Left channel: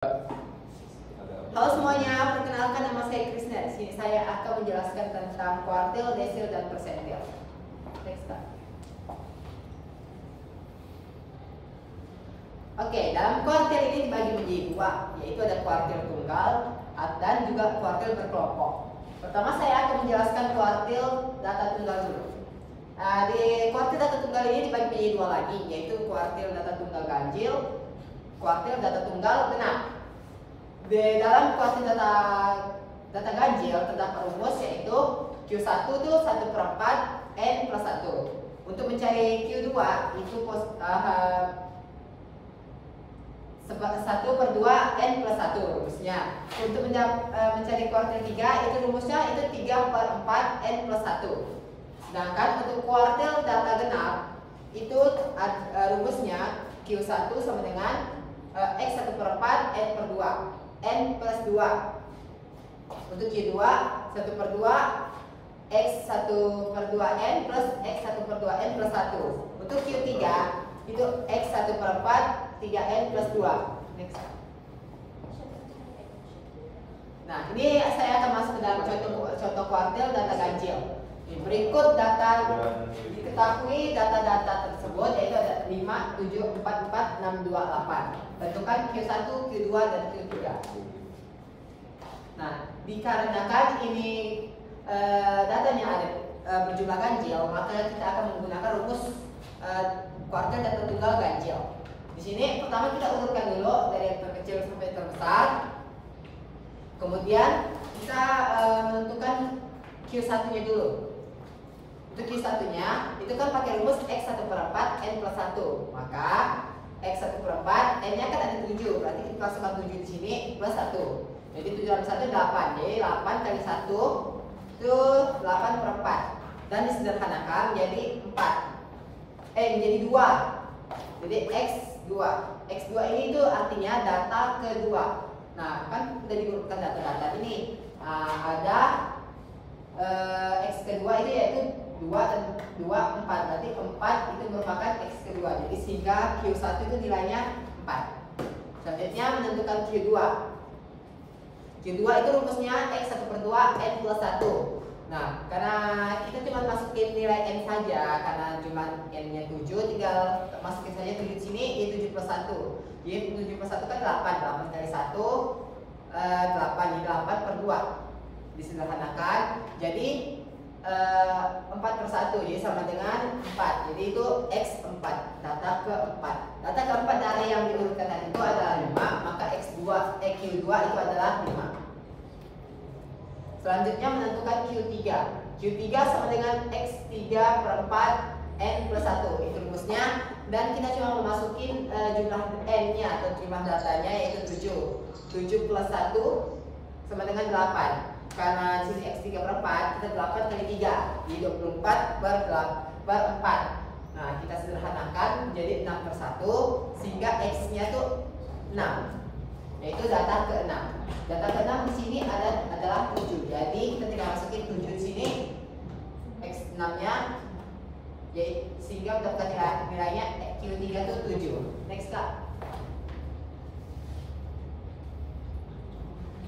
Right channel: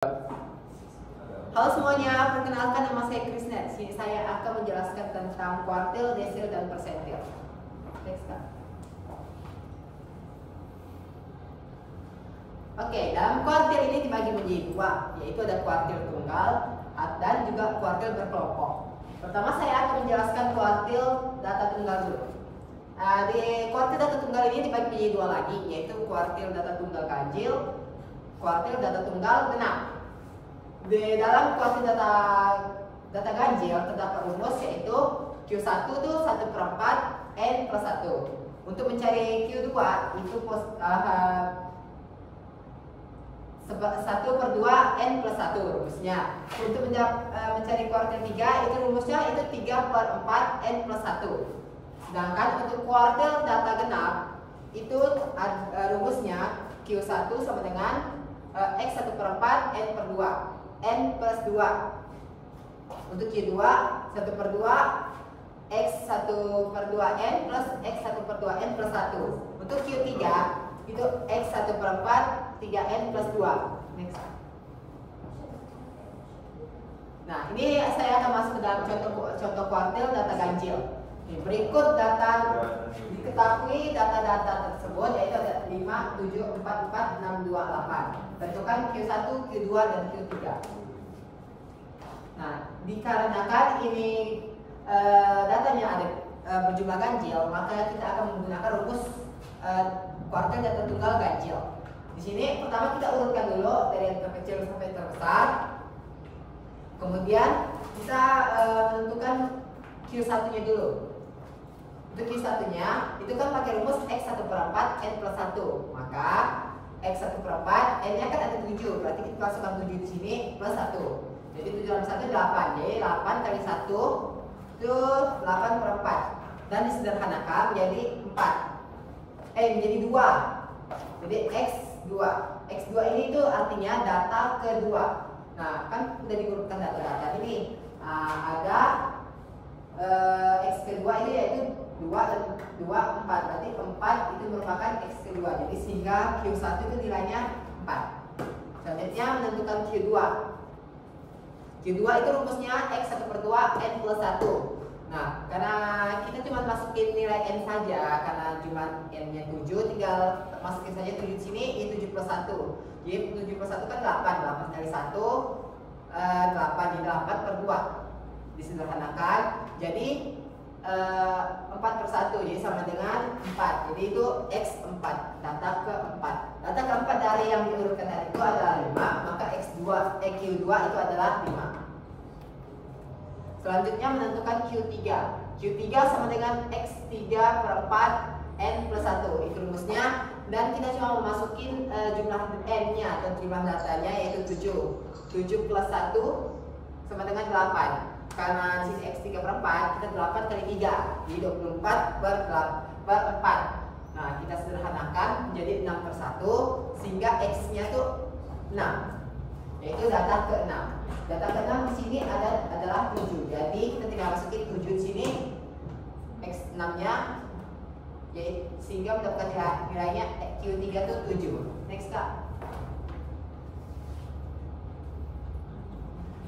Halo semuanya, perkenalkan nama saya Krisna. Di sini saya akan menjelaskan tentang kuartil, desil, dan persentil. Next. Oke, dalam kuartil ini dibagi menjadi dua, yaitu ada kuartil tunggal dan juga kuartil berkelompok. Pertama saya akan menjelaskan kuartil data tunggal dulu. Di kuartil data tunggal ini dibagi menjadi dua lagi, yaitu kuartil data tunggal ganjil, kuartil data tunggal genap. Di dalam kuartil data ganjil terdapat rumus yaitu Q1 itu 1/4 N plus 1. Untuk mencari Q2 itu 1/2 N plus 1 rumusnya. Untuk mencari kuartil 3 itu rumusnya itu 3/4 N plus 1. Sedangkan untuk kuartil data genap itu rumusnya Q1 sama dengan X 1/4 N per 2 N plus 2. Untuk Q2 1/2 X 1/2 N plus X 1/2 N plus 1. Untuk Q3 itu X 1/4 3N plus 2. Next. Nah, ini saya akan masuk ke dalam contoh kuartil data ganjil. Berikut data diketahui data-data tersebut yaitu ada 5, 7, 4, 4, 6, 2, 8. Tentukan Q1, Q2, dan Q3. Nah, dikarenakan ini datanya ada berjumlah ganjil, maka kita akan menggunakan rumus kuartil data tunggal ganjil. Di sini pertama kita urutkan dulu dari yang terkecil sampai terbesar. Kemudian kita menentukan Q1-nya dulu. Untuk Q1-nya itu kan pakai rumus X 1/4 N plus 1. Maka X 1/4 N-nya kan ada 7, berarti kita masukkan 7 di sini plus 1. Jadi 7 tambah 1 8. Jadi 8 kali 1 itu 8/4. Dan disederhanakan menjadi 4. Menjadi 2. Jadi X2. X2 ini itu artinya data kedua. Nah, kan sudah diurutkan data-data ini. Ada X kedua ini yaitu 2 dan 2, 4. Berarti 4 itu merupakan X kedua. Jadi sehingga Q1 itu nilainya 4. Selanjutnya menentukan Q2. Q2 itu rumusnya X 1/2 N plus 1. Nah, karena kita cuma masukin nilai N saja, karena jumlah N-nya 7, tinggal masukin saja 7 di sini, ini 7 plus 1. Jadi 7 plus 1 kan 8. 8 kali 1, 8. Jadi 8/2. Disederhanakan, jadi 4/1, jadi sama dengan 4. Jadi itu X4, data keempat. Data keempat dari yang diurutkan tadi itu adalah 5, maka Q2 itu adalah 5. Selanjutnya menentukan Q3. Q3 sama dengan X3/4 N plus 1. Itu rumusnya. Dan kita cuma memasukin jumlah N-nya atau jumlah datanya yaitu 7. 7 plus 1 sama dengan 8. Karena di sini X3/4, kita 8 kali 3. Jadi 24/4. Nah, kita sederhanakan menjadi 6/1 sehingga X-nya itu 6. Yaitu data ke-6. Data ke-6 di sini adalah 7. Jadi kita tinggal masukin 7 di sini, X6-nya, sehingga mendapatkan nilainya Q3 itu 7. Next, Kak.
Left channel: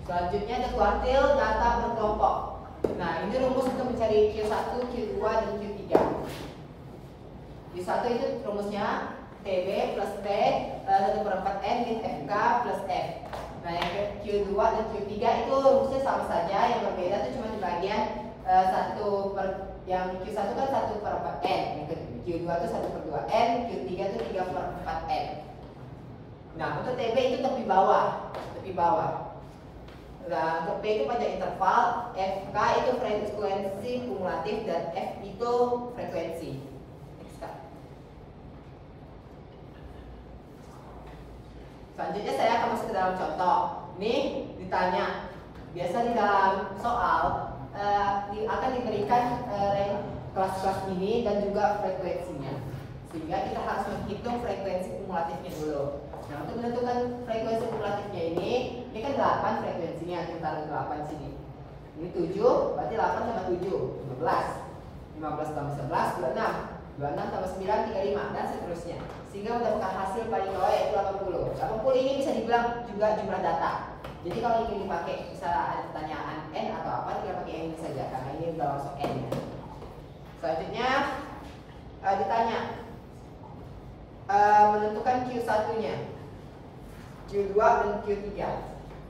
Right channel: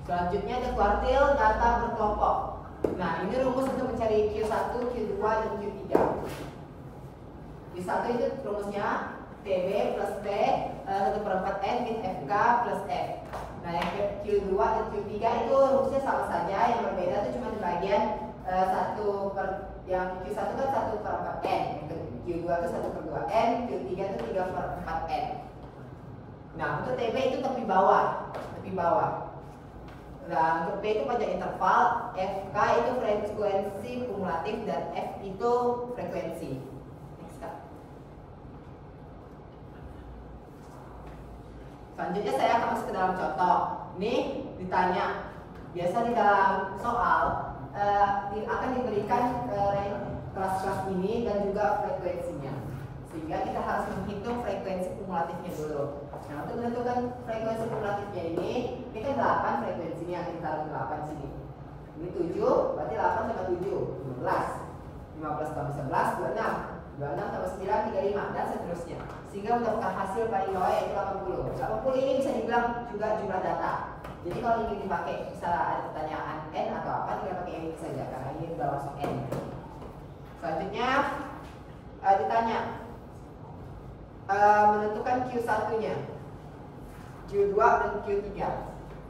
Selanjutnya ada kuartil data berkelompok. Nah, ini rumus untuk mencari Q1, Q2, dan Q3. Q1 itu rumusnya TB plus T 1/4 N min FK plus F. Nah, yang Q2 dan Q3 itu rumusnya sama saja, yang berbeda itu cuma di bagian yang Q1 kan 1/4 N, yang Q2 itu 1/2 N, Q3 itu 3/4 N. Nah, untuk TB itu tepi bawah. Nah, untuk P itu panjang interval, FK itu frekuensi kumulatif, dan F itu frekuensi. Next, Kak. Selanjutnya saya akan masuk ke dalam contoh. Ini ditanya, biasa di dalam soal akan diberikan kelas-kelas ini dan juga frekuensinya. Sehingga kita harus menghitung frekuensi kumulatifnya dulu. Nah, untuk menentukan frekuensi kumulatifnya ini kan 8 frekuensinya, kita taruh 8 sini. Ini 7, berarti 8 tambah 7, 15. 15 tambah 11, 26. 26 tambah 9, 35, dan seterusnya. Sehingga mendapatkan hasil paling bawah yaitu 80. 80 ini bisa dibilang juga jumlah data. Jadi kalau ingin dipakai, misalnya ada pertanyaan N atau apa, tinggal pakai ini saja, karena ini udah langsung N. Selanjutnya ditanya menentukan Q1-nya, Q2 dan Q3.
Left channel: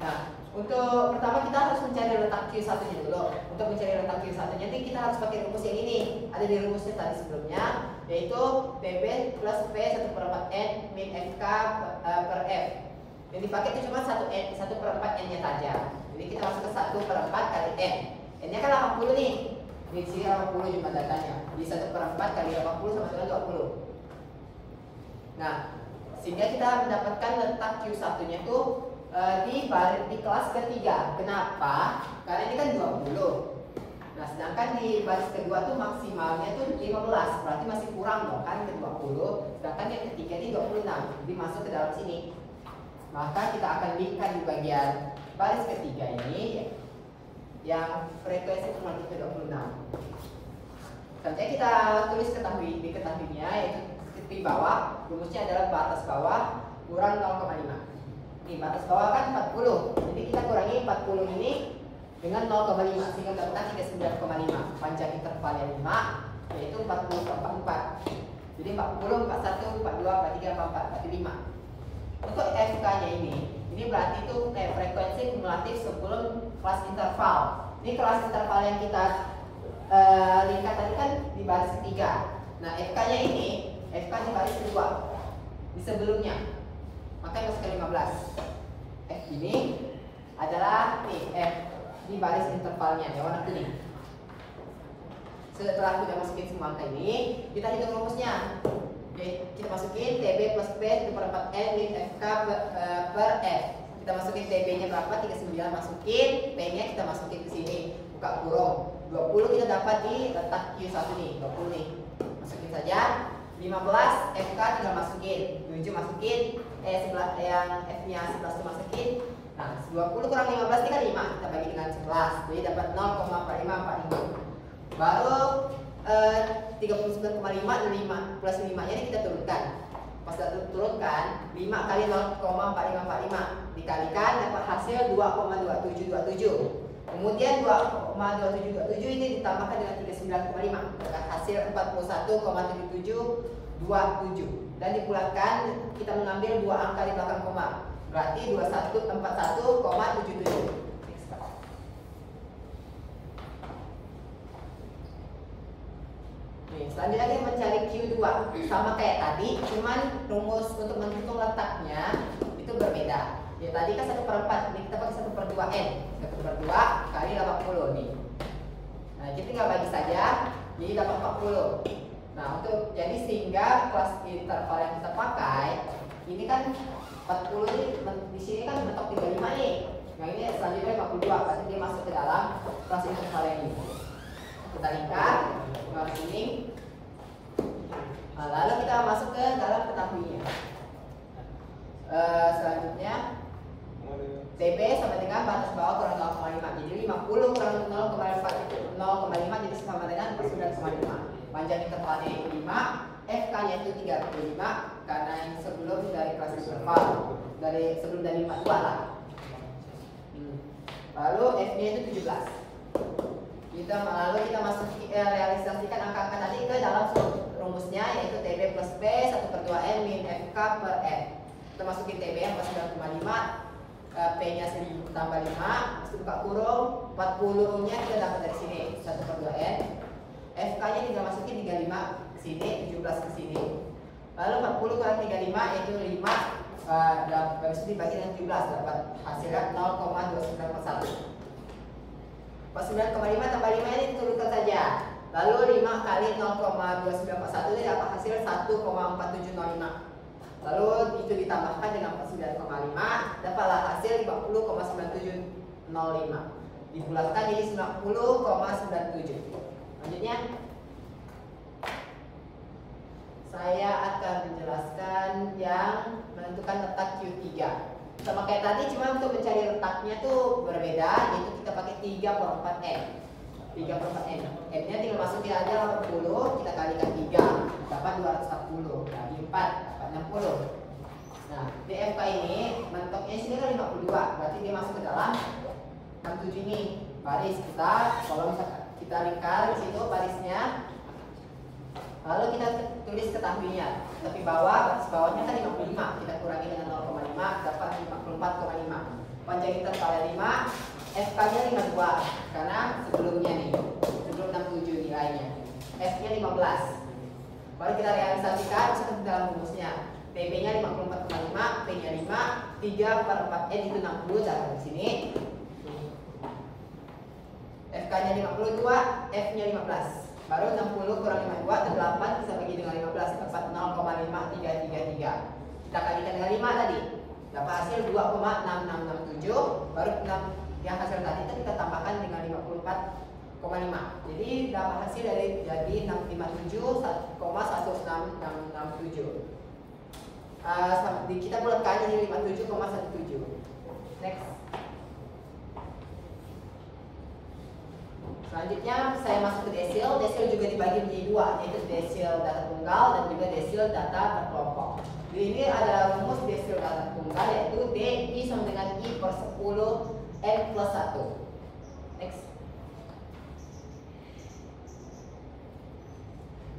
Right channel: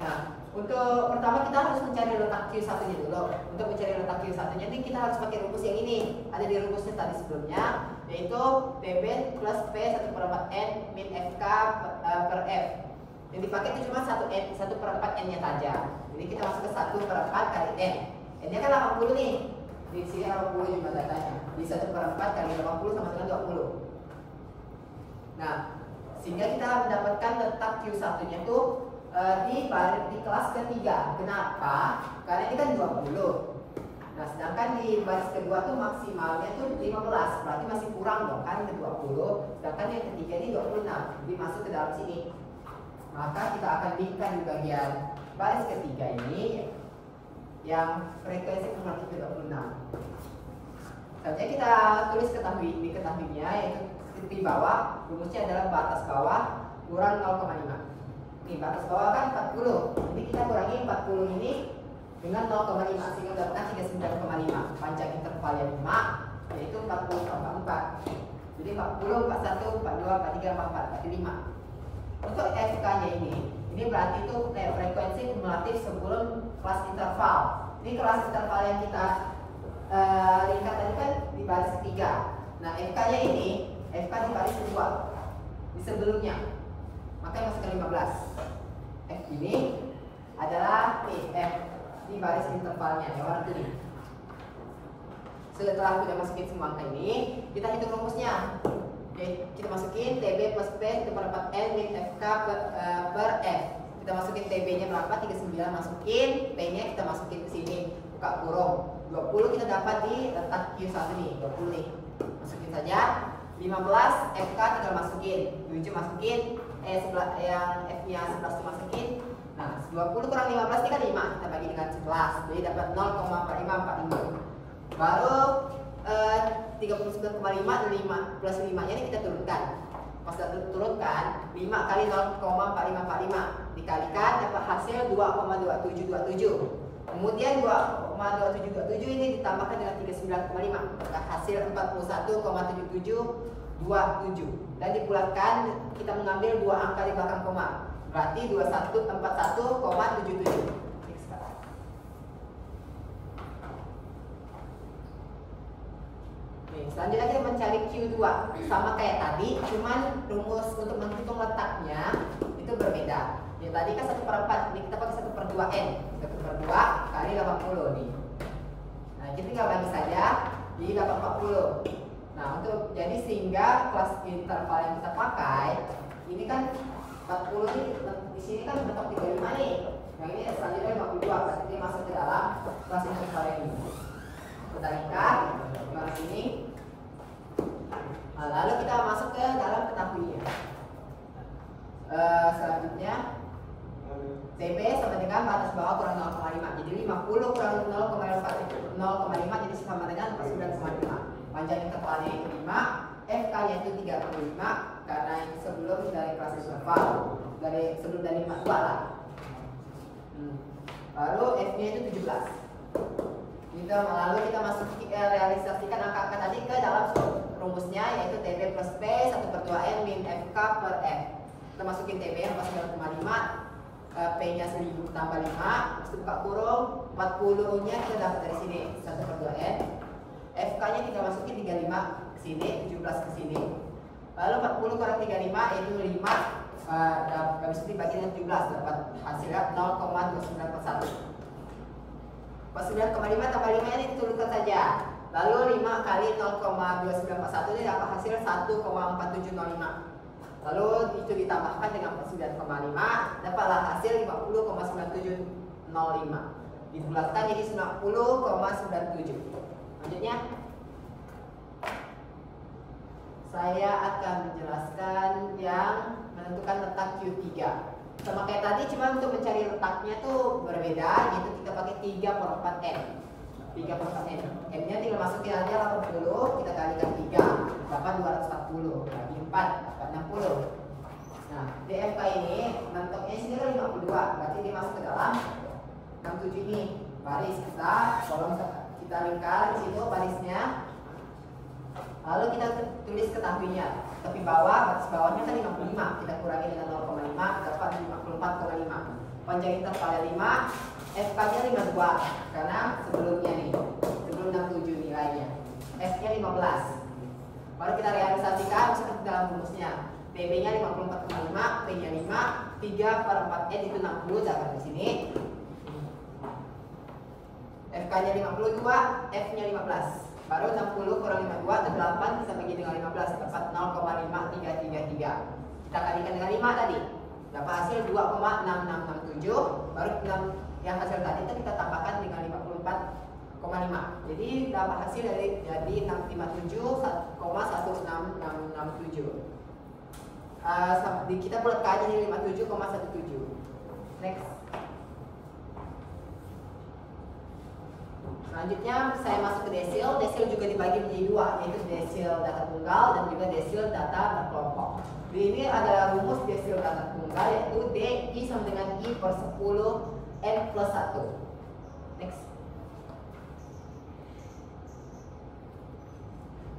Nah, untuk pertama kita harus mencari letak Q1-nya dulu. Untuk mencari letak Q1-nya ini kita harus pakai rumus yang ini. Ada di rumusnya tadi sebelumnya, yaitu PB plus P 1/4 N min FK per F. Yang dipakai itu cuma 1/4 N-nya saja. Jadi kita masuk ke 1/4 kali N. N-nya kan 80 nih. Di sini 80 jumlah datanya. Di 1/4 kali 80 sama dengan 20. Nah, sehingga kita mendapatkan letak Q1-nya tuh di kelas ketiga. Kenapa? Karena ini kan 20. Nah, sedangkan di baris kedua tuh maksimalnya tuh 15. Berarti masih kurang dong kan ke 20. Sedangkan yang ketiga ini 26. Jadi masuk ke dalam sini. Maka kita akan linkkan di bagian baris ketiga ini yang frekuensi kumulatif ke 26. Selanjutnya kita tulis diketahuinya, yaitu di bawah rumusnya adalah batas bawah kurang 0,5. Nih batas bawah kan 40. Jadi kita kurangi 40 ini dengan 0,5 sehingga mendapatkan 39,5. Panjang intervalnya 5 yaitu 40 tambah 4. Jadi 40, 41, 42, 43, 44, berarti 5. Untuk FK-nya ini berarti itu frekuensi kumulatif sebelum kelas interval. Ini kelas interval yang kita lihat tadi kan di baris ketiga. Nah, FK-nya ini FK di baris kedua di sebelumnya. Makanya masuk ke 15. F ini adalah F di baris intervalnya yang warna kuning. Setelah kita masukin semua angka ini, kita hitung rumusnya. Oke, kita masukin TB plus P 1/4 N min FK per F. Kita masukin TB-nya berapa? 39, masukin P-nya kita masukin ke sini, buka kurung. 20 kita dapat di letak Q1 nih, 20 nih. Masukin saja. 15 FK tinggal masukin, 7 masukin, yang F-nya 11 itu masukin. Nah, 20 kurang 15 ini kan 5, kita bagi dengan 11, jadi dapat 0,4545. Baru 39,5 dan 5 plus 5 nya ini kita turunkan. Pas kita turunkan 5 kali 0,4545 dikalikan dapat hasil 2,2727. Kemudian 2,2727 ini ditambahkan dengan 39,5 dapat hasil 41,7727 dan dibulatkan kita mengambil dua angka di belakang koma, berarti 2141,77. Selanjutnya kita mencari Q2 sama kayak tadi, cuman rumus untuk menghitung letaknya itu berbeda. Ya tadi kan 1/4, ini kita pakai 1/2 N, 1/2 kali 80 nih. Nah kita tinggal bagi saja, jadi dapat 40. Nah untuk jadi sehingga kelas interval yang kita pakai ini kan 40 ini di sini kan mentok 35 nih. Nah ini selanjutnya 52, berarti dia masuk ke dalam kelas interval yang ini. Kita lingkar garis ini. Nah, lalu kita masuk ke dalam ketahuinya. Selanjutnya TB sama dengan batas bawah kurang 0,5. Jadi 50 kurang 0,5 jadi sama dengan 49,5. Panjang intervalnya 5, FK-nya itu 35 karena yang sebelum dari kelas interval, sebelum dari 52 lah. Lalu F-nya itu 17. Lalu kita masuk realisasikan angka-angka tadi ke dalam rumusnya, yaitu TB plus P 1/2 N min FK per F. Kita masukin TB yang 49,5, P-nya 1000 tambah 5, habis itu buka kurung, 40-nya kita dapat dari sini 1/2 N. FK-nya tinggal masukin 35 ke sini, 17 ke sini. Lalu 40 kurang 35 yaitu 5, habis itu dibagi dengan 17 dapat hasilnya 0,2941. 49,5 tambah 5 ini diturunkan saja. Lalu 5 kali 0,2941 ini dapat hasil 1,4705. Lalu itu ditambahkan dengan 49,5 dapatlah hasil 50,9705. Dibulatkan jadi 90,97. Selanjutnya saya akan menjelaskan yang menentukan letak Q3. Sama kayak tadi, cuma untuk mencari letaknya tuh berbeda, yaitu kita pakai 3/4 N. 3/4 N. N-nya tinggal masukin aja 80, kita kalikan 3, dapat 240. Bagi 4, dapat 60. Nah, DFK ini mentoknya sini kan 52, berarti dia masuk ke dalam 67 ini. Baris kita, kalau kita lingkar di situ barisnya. Lalu kita tulis ketahuinya. Tepi bawah, batas bawahnya kan 55, kita kurangi dengan 0,5, dapat 54,5. Panjang inter kali 5, FK-nya 52, karena sebelumnya nih, sebelum 67 nilainya. F-nya 15. Baru kita realisasikan, masukkan ke dalam rumusnya. PB-nya 54,5, P-nya 5, 3/4 N itu 60, dalam di sini. FK-nya 52, F-nya 15. Baru 60 kurang 52 itu 8, kita bagi dengan 15, dapat 0,5333. Kita kalikan dengan 5 tadi, dapat hasil 2,6667. Baru 6 yang hasil tadi kita tambahkan dengan 54,5. Jadi dapat hasil dari jadi 657,16667. Kita bulatkan jadi 57,17. Next. Selanjutnya saya masuk ke desil. Desil juga dibagi menjadi dua, yaitu desil data tunggal dan juga desil data berkelompok. Ini adalah rumus desil data tunggal, yaitu DI sama dengan I per 10 N plus 1. Next.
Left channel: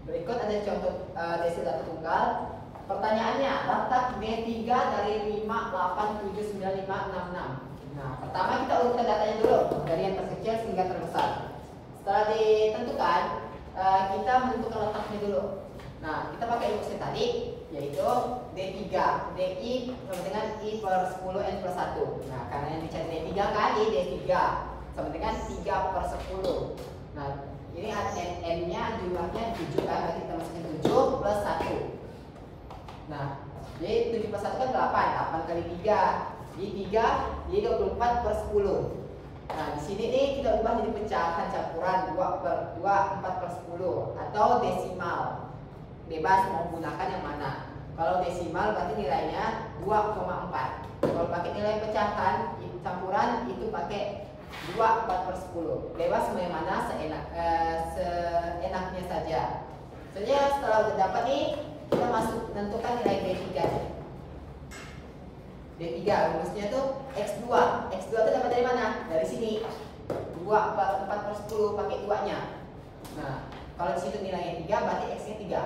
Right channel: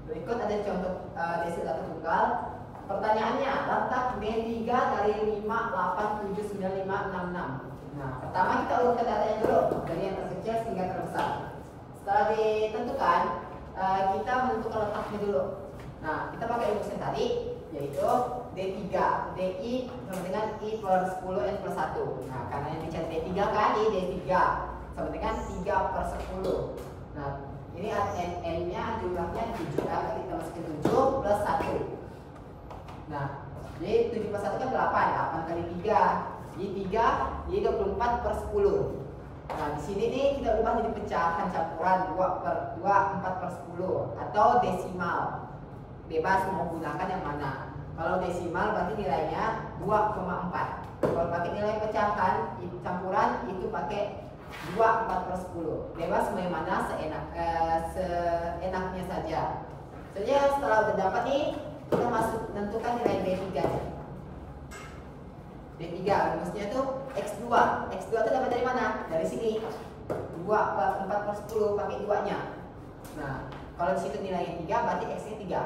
Berikut ada contoh desil data tunggal. Pertanyaannya, letak D3 dari 5, 8, 7, 9, 5, 6, 6. Nah, pertama kita urutkan datanya dulu dari yang terkecil hingga terbesar. Setelah ditentukan, kita menentukan letaknya dulu. Nah, kita pakai rumusnya tadi, yaitu D3, DI sama dengan I per 10 N plus 1. Nah, karena yang dicari D3 kali D3 sama dengan 3 per 10. Nah, ini N-nya jumlahnya 7 kan, berarti kita masukin 7 plus 1. Nah, jadi 7 plus 1 kan 8, 8 kali 3. Jadi 3, jadi 24 per 10. Nah, di sini nih kita ubah jadi pecahan campuran 2 per 2, 4 per 10 atau desimal. Bebas mau gunakan yang mana. Kalau desimal berarti nilainya 2,4. Kalau pakai nilai pecahan campuran itu pakai 2, 4 per 10. Bebas mau yang mana seenaknya saja. Soalnya setelah udah dapat nih, kita masuk menentukan nilai D3 nya. D3 rumusnya tuh X2. X2 itu dapat dari mana? Dari sini. 2 per 4 per 10 pakai 2-nya. Nah, kalau di situ nilainya 3 berarti X-nya 3.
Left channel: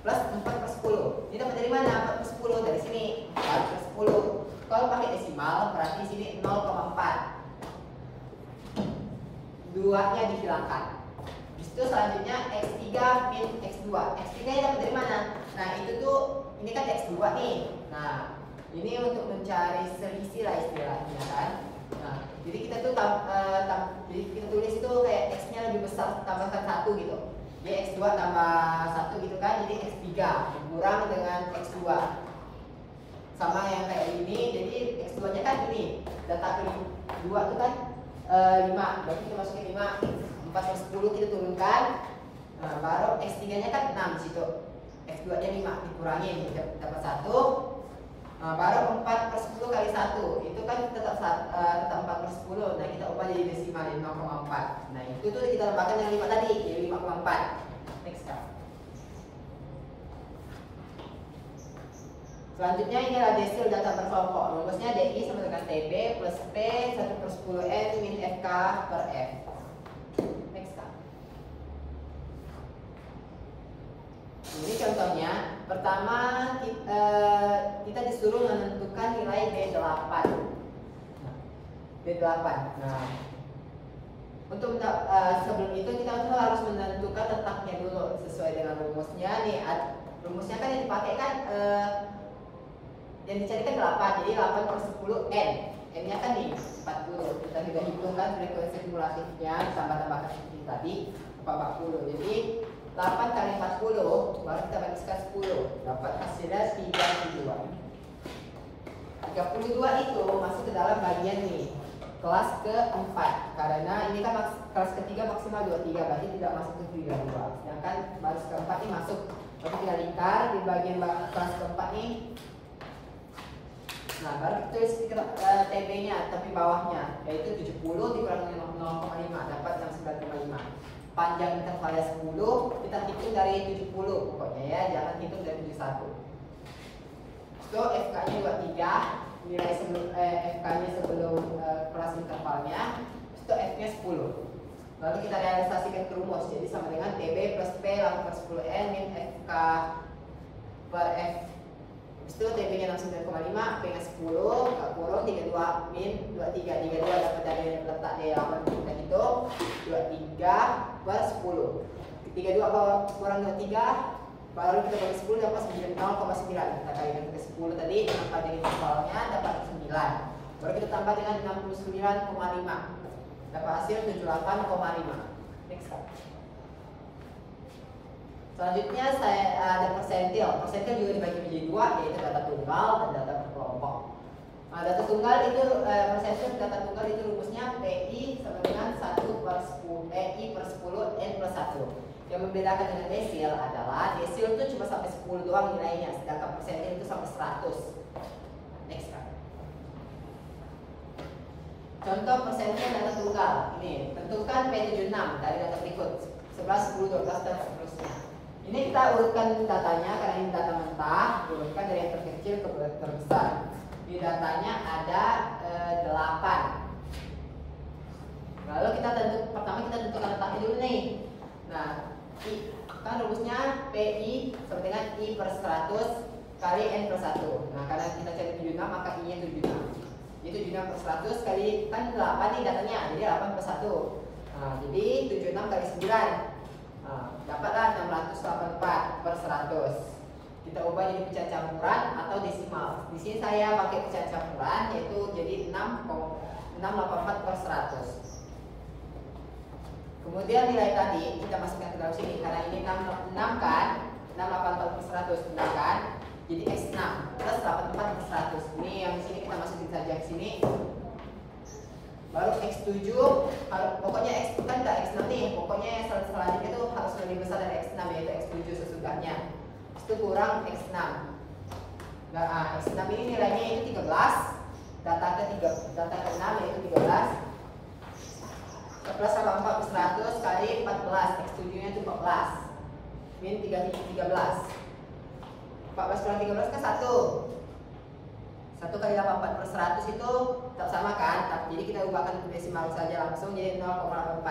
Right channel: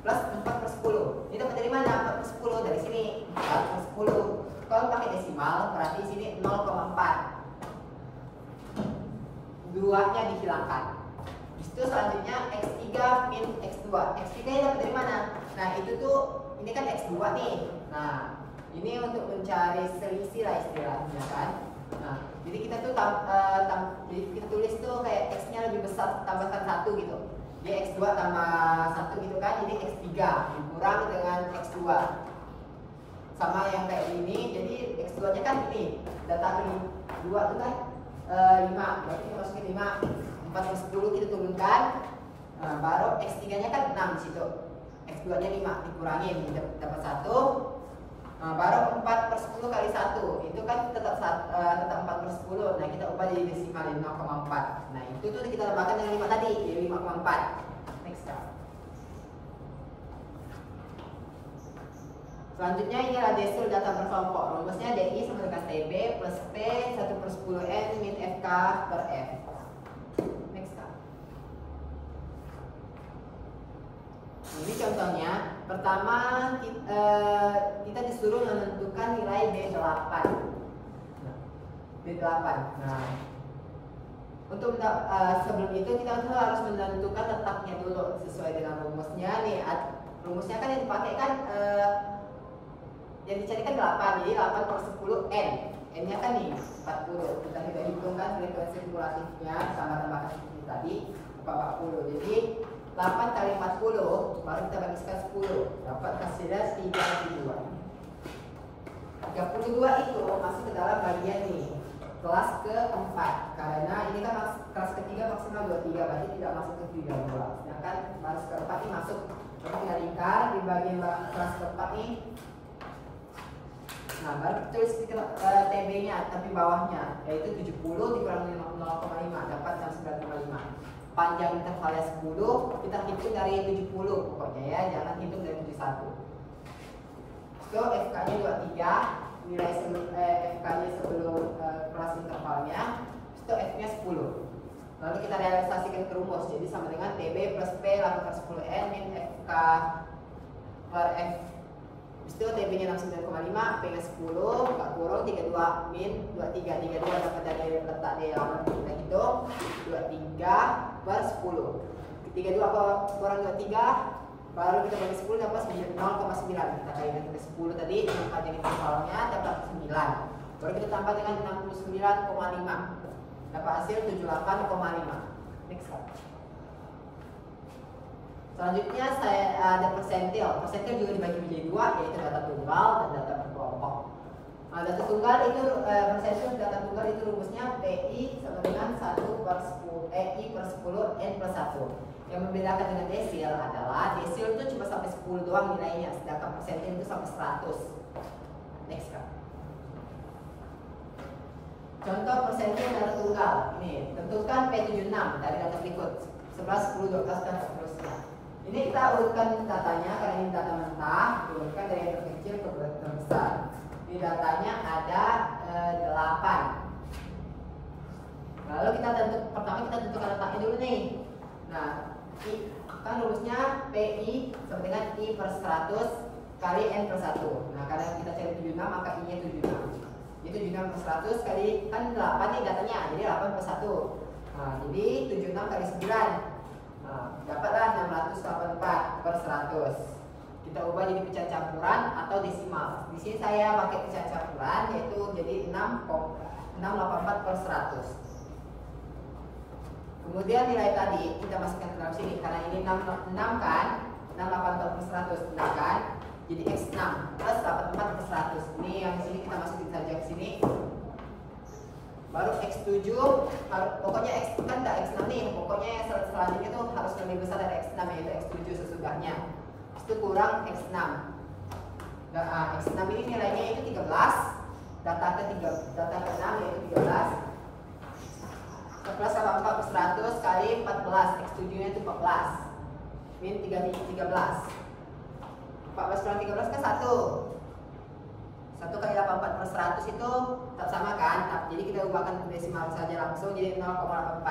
Plus 4 per 10. Ini dapat dari mana? 4 per 10 dari sini. 4 per 10. Kalau pakai desimal berarti di sini 0,4. 2-nya dihilangkan. Di situ selanjutnya X3 min X2. X3 nya dapat dari mana? Nah, itu tuh ini kan X2 nih. Nah, ini untuk mencari selisih lah istilahnya kan. Nah, jadi kita tuh jadi kita tulis itu kayak X-nya lebih besar tambahkan 1 gitu. Jadi X2 tambah 1 gitu kan, jadi X3 dikurang dengan X2. Sama yang kayak ini, jadi X2 nya kan ini. Data ke 2 itu kan 5, berarti kita masukin 5. 4 per 10 kita turunkan. Nah, baru X3 nya kan 6 di situ. X2 nya 5 dikurangin dapat 1. Nah, baru 4 per 10 kali 1 itu kan tetap 4 per 10. Nah, kita ubah jadi desimal 5,4. Nah, itu tuh kita tambahkan dengan 5 tadi jadi 5,4. Next kan. Selanjutnya ini adalah desil data berkelompok. Rumusnya DI sama dengan TB plus P 1 per 10 N min FK per F. Next kan. Ini contohnya. Pertama kita disuruh menentukan nilai D8. D8. Nah, untuk sebelum itu kita harus menentukan letaknya dulu sesuai dengan rumusnya nih. Rumusnya kan yang dipakai kan yang dicari kan 8. Jadi 8 per 10 N. N-nya kan nih 40. Kita sudah hitungkan frekuensi kumulatifnya tambah-tambahkan seperti tadi 40. Jadi 8 kali 40 baru kita bagikan 10, dapat hasilnya 32. 32 itu masuk ke dalam bagian nih kelas keempat, karena ini kan kelas ketiga maksimal 23, berarti tidak masuk ke 32. Sedangkan baru keempat ini masuk. Jadi kita lingkar di bagian kelas keempat nih Nah, baru kita tulis TB-nya, tapi bawahnya, yaitu 70 dikurangi 0,5, dapat 69,5. Panjang intervalnya 10, kita hitung dari 70 pokoknya ya, jangan hitung dari 71. So, FK-nya 23, nilai FK-nya sebelum kelas intervalnya, itu F-nya 10. Lalu kita realisasikan ke rumus, jadi sama dengan TB plus P lalu per 10N min FK per F. Itu TB-nya 69,5, P-nya 10, gak kurang 32 min 23. 32 dapat dari letak di halaman kita hitung 23 per 10. 32 kurang 23, baru kita bagi 10 dapat 0,9. Kita kalikan ke 10 tadi dengan panjang intervalnya dapat 9. Baru kita tambah dengan 69,5. Dapat hasil 78,5. Next slide. Selanjutnya saya ada persentil. Persentil juga dibagi menjadi dua, yaitu data tunggal dan data berkelompok. Nah, data tunggal itu persentil data tunggal itu rumusnya PI sama dengan 1 per 10 PI per 10 N plus 1. Yang membedakan dengan desil adalah desil itu cuma sampai 10 doang nilainya, sedangkan persentil itu sampai 100. Next slide. Contoh persentil data tunggal. Ini tentukan P76 dari data berikut 11, 10, 12 dan seterusnya. Ini kita urutkan datanya karena ini data mentah, diurutkan dari yang terkecil ke terbesar. Di datanya ada 8. Lalu pertama kita tentukan letaknya dulu nih. Nah, kan rumusnya PI sama dengan I per 100 kali N per 1. Nah, karena kita cari 76 maka I nya 76. Jadi 76 per 100 kali, kan 8 nih datanya, jadi 8 per 1. Nah, jadi 76 kali 9. Nah, dapatlah 684 per 100. Kita ubah jadi pecahan campuran atau desimal. Di sini saya pakai pecahan campuran, yaitu jadi 684 per 100. Kemudian nilai tadi kita masukkan ke dalam sini, karena ini 6 kan, 684 per 100, 6 kan? Jadi X6 plus 84 per 100. Ini yang di sini kita masukin saja ke sini. Baru X7, pokoknya X kan nggak X6 nih, pokoknya yang selanjutnya itu harus lebih besar dari X6, yaitu X7 sesudahnya. Itu kurang X6. Nah, X6 ini nilainya itu 13. Data ke-6 yaitu 13. 11 tambah 4 per 100 kali 14. X7 nya itu 14. Min 13. 14 kurang 13 kan 1. 1 kali 84 per 100 itu tak sama kan? Jadi kita ubahkan ke desimal saja langsung, jadi 0,84.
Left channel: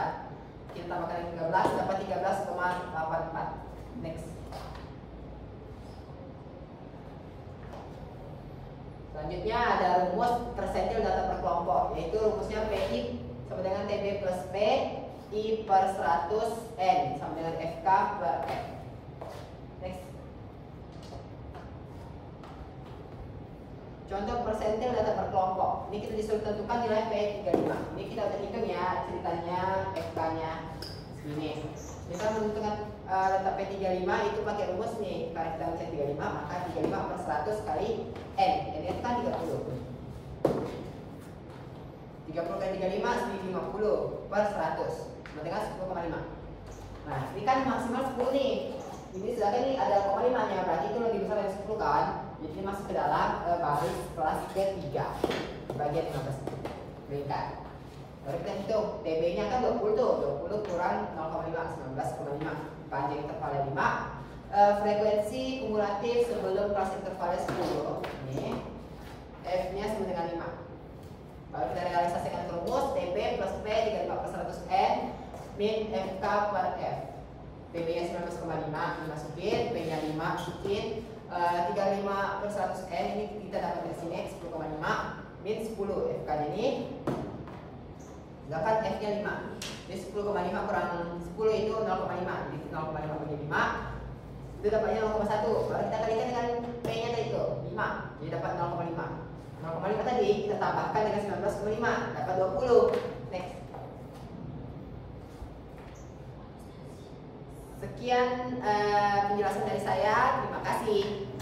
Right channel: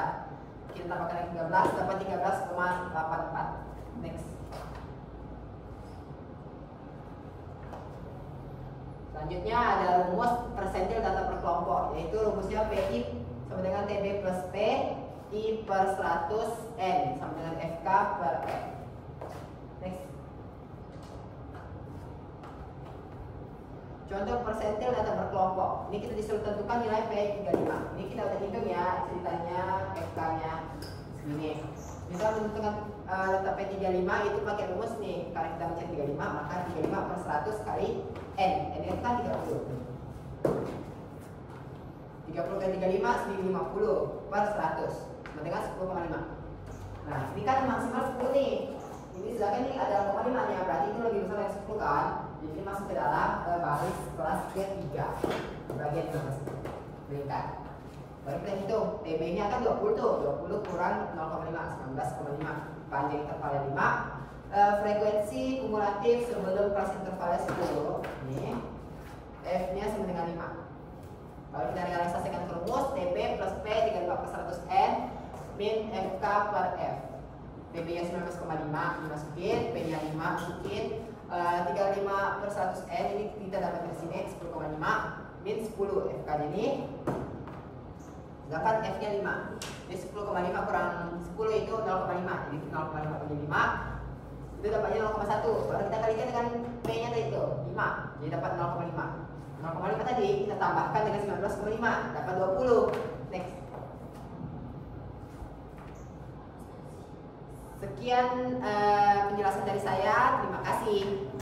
Kita tambahkan lagi 13, dapat 13,84. Next. Selanjutnya ada rumus persentil data per kelompok, yaitu rumusnya PI sama dengan TB plus P I per 100 N sama dengan FK per F. Next. Contoh persentil data per kelompok. Ini kita disuruh tentukan nilai P35. Ini kita udah hitung ya ceritanya FK-nya segini. Misal menentukan data P35 itu pakai rumus nih. Karena kita mencari 35, maka 35 per 100 kali N. N itu kan 30. 30 kali 35 jadi 50 per 100. Sama dengan 10,5. Nah, ini kan maksimal 10 nih. Ini sedangkan ini ada 0,5 nya, berarti itu lebih besar dari 10 kan? Jadi ini masuk ke dalam baris kelas P3 bagian 15 berikan. Baru kita hitung TB-nya kan 20 tuh, 20 kurang 0,5, 19,5. Panjang intervalnya 5. Frekuensi kumulatif sebelum kelas intervalnya 10. Ini F-nya sama dengan 5. Baru kita realisasikan ke rumus TB plus P 35 per 100 N min FK per F. TB-nya 19,5 dimasukin, P-nya 5 masukin. 35 per 100 N ini kita dapat dari sini 10,5 min 10 FK-nya ini. Sedangkan F-nya 5. Jadi 10,5 kurang 10 itu 0,5. Jadi 0,5 bagi 5 itu dapatnya 0,1. Baru kita kalikan dengan P-nya tadi itu 5. Jadi dapat 0,5. 0,5 tadi kita tambahkan dengan 19,5 dapat 20. Next. Sekian penjelasan dari saya. Terima kasih.